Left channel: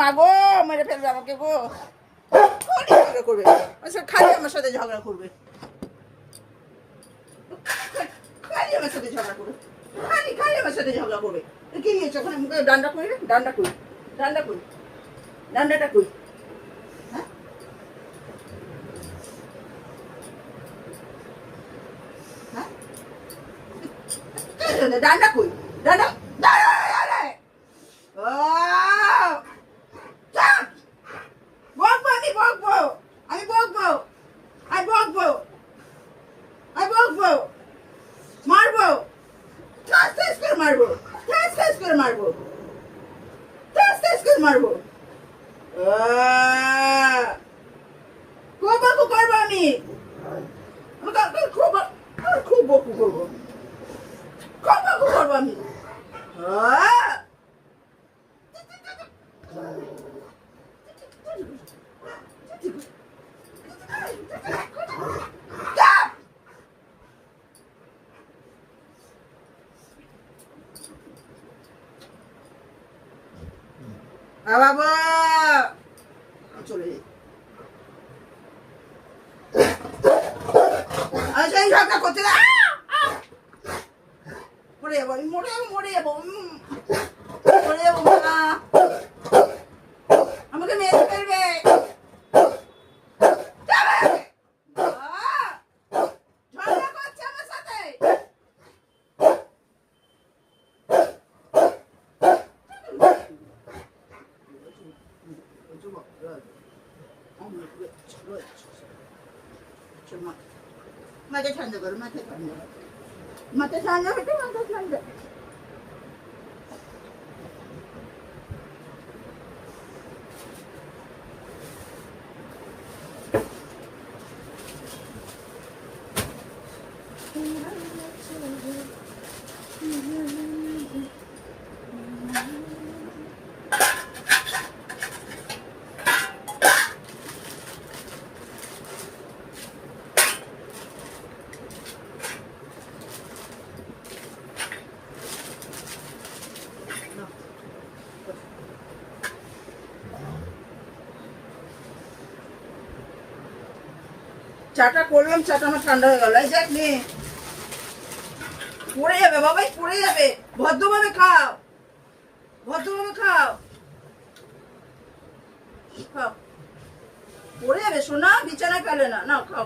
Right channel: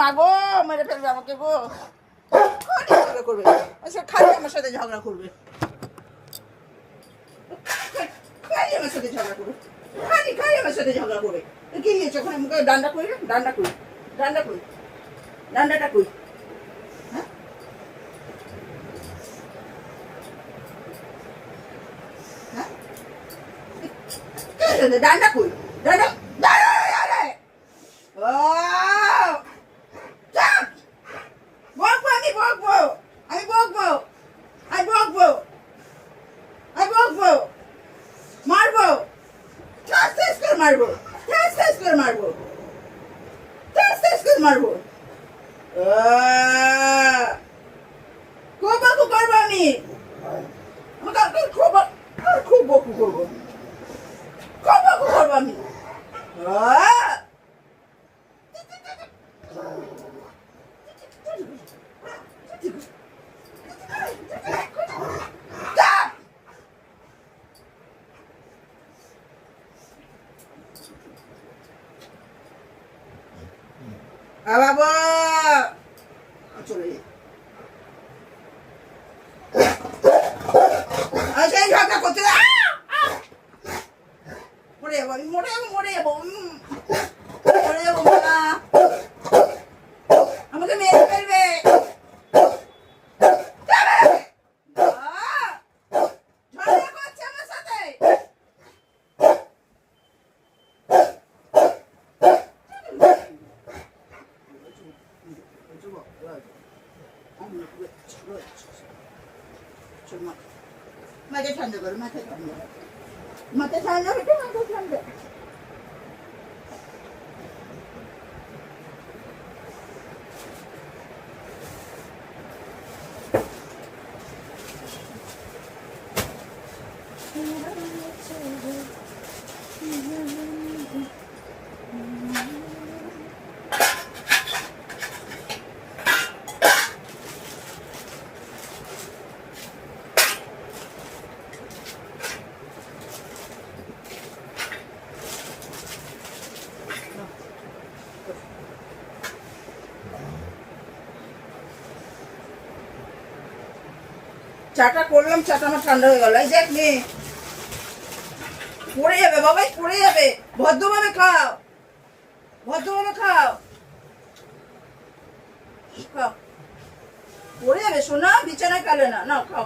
মা গো মেরে ফেলবে আমাকে গো, করবে আচ্ছা, খালি আমার সাথে ঝগড়া করবে, খালি আমার সাথে ঝগড়া করবে, খালি আমার সাথে ঝগড়া করবে। কি নিয়েছো ওখানে মুখে? ডান্ডা কই রে, ডান্ডা কই, ডান্ডা কই, ডান্ডাটা কই? হ্যাঁ হ্যাঁ ডান্ডা কই, ডান্ডা বকবো, আমি বকবো, আমি বকবো, আমি বকবো, আমি বকবো, মারবো, ঠাস ঠাস করে মারবো, ঠাস ঠাস করে মারবো, ঠাস ঠাস করে মারবো। খুব বকু করবো আমি, খুব খুব বকু করবো, খুব বকু করবো আমি। বাবা চলে সেই ঝগড়া করতে মরে যাবো, আমি মরে যাবো, মরে যাবো, মরে যাবো, মা আমাকে মেরে ফেলবে। ঝগড়া করছে আমার সাথে, মাথা ঠান্ডা করো, মাথা ঠান্ডা, মাথা ঠান্ডা হচ্ছে, মাথা ঠান্ডা। চাটা করলাম, চাটা আমার ঠান্ডা হয়ে গেল। এই দেখ নে, পড়ে যাবে বাবাই, পড়ে যাবে, ভদ্রভাবে খাও, ভদ্রভাবে খাও, খাও, পড়ে যাবে সোনা, বিছানায় ফেলে না, নাও খাও।